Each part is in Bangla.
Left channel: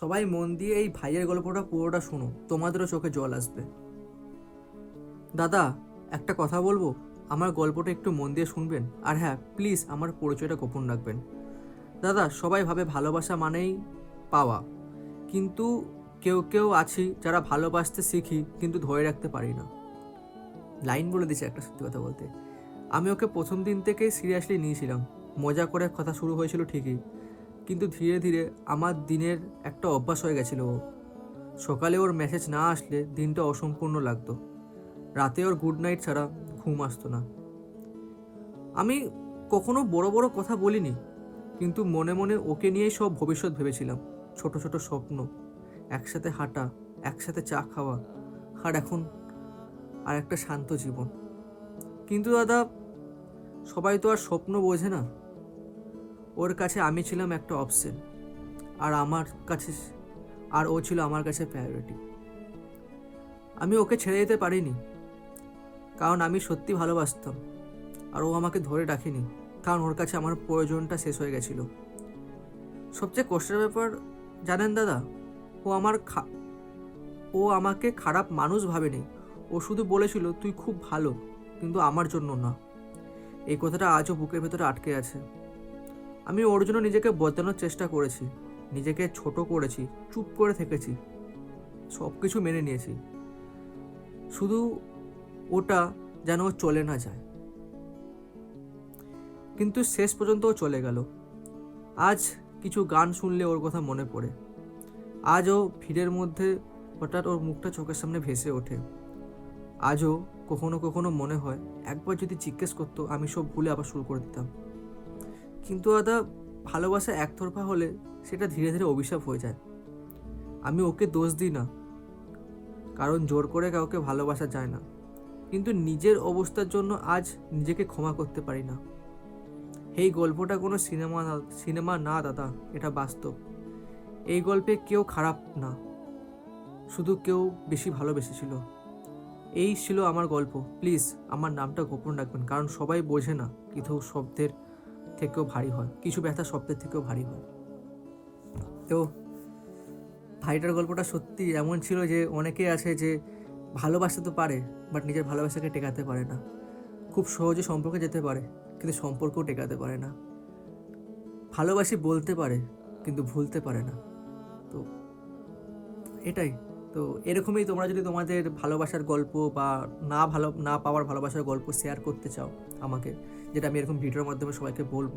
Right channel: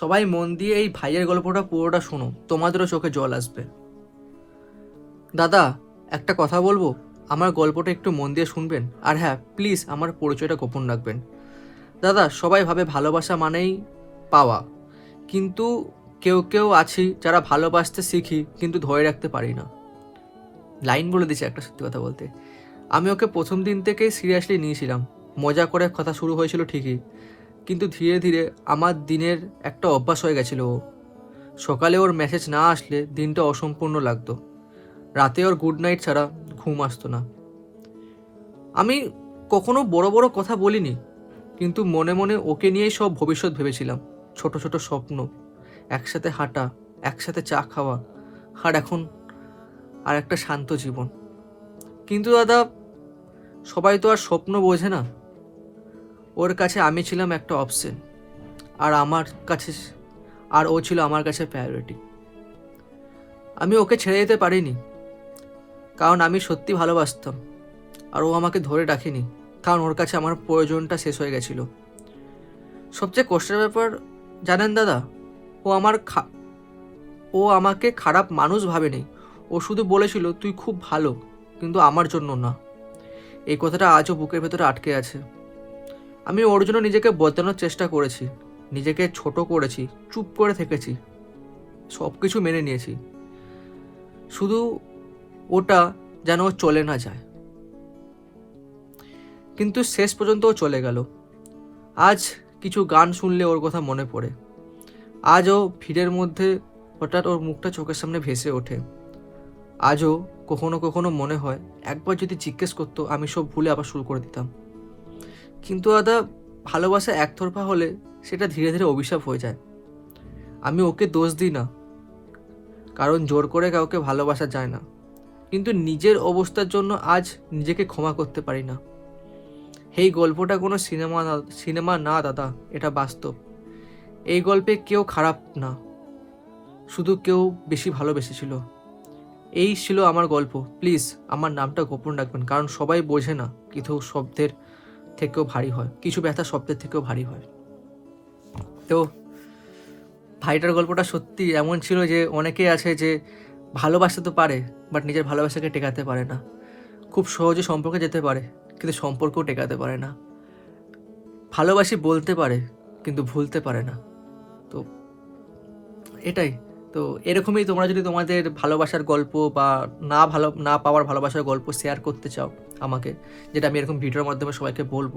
সবাই মন দিয়ে এই ভাইয়ের গল্পটা পুরোটা শোনো, তোমাদেরও চোখে জল আসবে। দাদা, একটা কথা বলব? আমার গল্পটা একটু মন দিয়ে শুনবেন? আর হ্যাঁ প্লিজ আমার পরিচয়টা গোপন রাখবেন। দাদা, সবাই ভাবে ভালোবাসা মানেই পাওয়া। কিন্তু কেউ কেউ আছি যারা ভালোবাসতে শিখি, কিন্তু ধরে রাখতে পারি না। লাইন বলে দিছে একটা সত্যি কথা বলতে। আমি ওকে প্রথম দিন থেকেই সিরিয়াসলি নিয়েছিলাম। মজা করে কথা শুরু হয়েছিল ঠিকই। কিন্তু ধীরে ধীরে আমার দিনের একটা অভ্যাস হয়ে গেছিল। ও সকালে ওর মেসেজ না আসলে দিনটা অসম্পূর্ণ লাগতো। রাতে ওর গুড নাইট ছাড়া ঘুম আসতো না। আমি কখনো বড় বড় কথা বলিনি, কিন্তু মনে মনে ওকে নিয়েই সব ভবিষ্যৎ ভেবেছিলাম। ছোট ছোট স্বপ্ন, একসাথে হাঁটা, একসাথে চা খাওয়া, আর এখন আর একটা শান্ত জীবন। কিন্তু দাদা, সবাই তো আর স্বপ্ন বোঝে না। ওর কাছে আমি ছিলাম একটা অপশন আর আমার কাছে, আর ও ছিল আমার কাছে প্রায়োরিটি আমি ওকে ছেড়ে যেতে পারিনি, কারণ আমি সত্যি ভালোবাসতাম, আর ও আমাকে ধরে রাখেনি, কারণ ওর কাছে আমার প্রয়োজনটা শেষ হয়ে গেছিল। সবচেয়ে কষ্টের ব্যাপার, জানেন দাদা, ও আমার ও আমাকে খারাপ মানুষ ভাবেনি, ও শুধু বলেছিল, তুই খুব ভালো, কিন্তু আমার জন্য না। এই কথাটা আজও বুকের ভেতরে আটকে আছে। আমি ওর জন্য নিজেকে বদলানোর চেষ্টা করেছি, নিজেকে ছোট করেছি, চুপ করে থেকেছি সব কিছু মেনে নিয়েছি। শুধু ওটা যেন চলে না যায়। কিন্তু শেষ পর্যন্ত ও চলে গেল। আজ কিছু গান শুনলে ওর কথা মনে পড়ে। আজও ভিড়ের মধ্যে হঠাৎ ওর মুখটা চোখের সামনে ভেসে ওঠে। আজও কখনো কখনো মনে হয়, একবার যদি জিজ্ঞেস করতো, আমি সব ভুলে আবার শুরু করে দিতাম। কিন্তু দাদা ভালোবাসা একতরফা হলে সেটা ধীরে ধীরে অভিশাপ হয়ে যায়। আমি ওকে দোষ দিই না, কারণ জোর করে কাউকে ভালোবাসা যায় না। কিন্তু নিজের অবস্থার জন্য আজ নিজেকে ক্ষমা করতে পারি না। এই গল্পটা কোনো সিনেমা সিনেমা না দাদা, এটা বাস্তব। এই গল্পে কেউ খারাপ না, শুধু কেউ বেশি ভালোবেসেছিল। এই ছিল আমার গল্প। প্লিজ, আমার নামটা গোপন রাখবেন, কারণ সবাই বোঝে না কিছু শব্দের থেকেও ভারী হয়। কিছু ব্যথা শব্দের থেকেও ভারী হয়। তো ভাইটার গল্পটা সত্যি এমন ছিল যে অনেকেই আছে যে ভালোবাসতে তো পারে বাট নিজের ভালোবাসাকে টেকাতে পারে না। খুব সহজে সম্পর্কে যেতে পারে, কিন্তু সম্পর্কও টেকাতে পারে না। ভালোবাসি বলতে পারে, কিন্তু ভুলতে পারে না। তো এটাই। তো এরকমই তোমরা যদি তোমাদের ভালোবাসার গল্প বা না ভালো, না পাওয়ার ভালোবাসার গল্প শেয়ার করতে চাও আমাকে, যেটা আমি এরকম ভিডিওর মাধ্যমে সবাইকে বলব,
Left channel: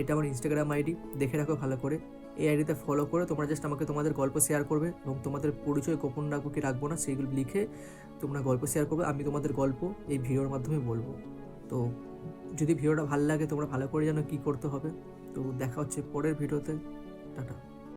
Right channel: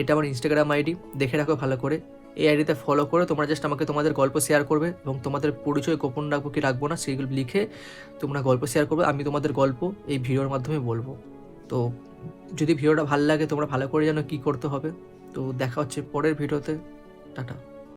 এটা আমার ইনস্টাগ্রাম আইডি দেখে রাখো ভালো করে। এই আইডিতে ফলো করে, তোমরা জাস্ট আমাকে তোমাদের গল্প শেয়ার করবে এবং তোমাদের পরিচয় গোপন রাখব কি রাখব না সেইগুলো লিখে তোমরা গল্প শেয়ার করবে, আমি তোমাদের গল্প এই ভিডিওর মাধ্যমে বলব। তো যদি ভিডিওটা ভালো লাগে তোমরা ভালো করে জানো কী করতে হবে। তো দেখা হচ্ছে পরের ভিডিওতে, টাটা।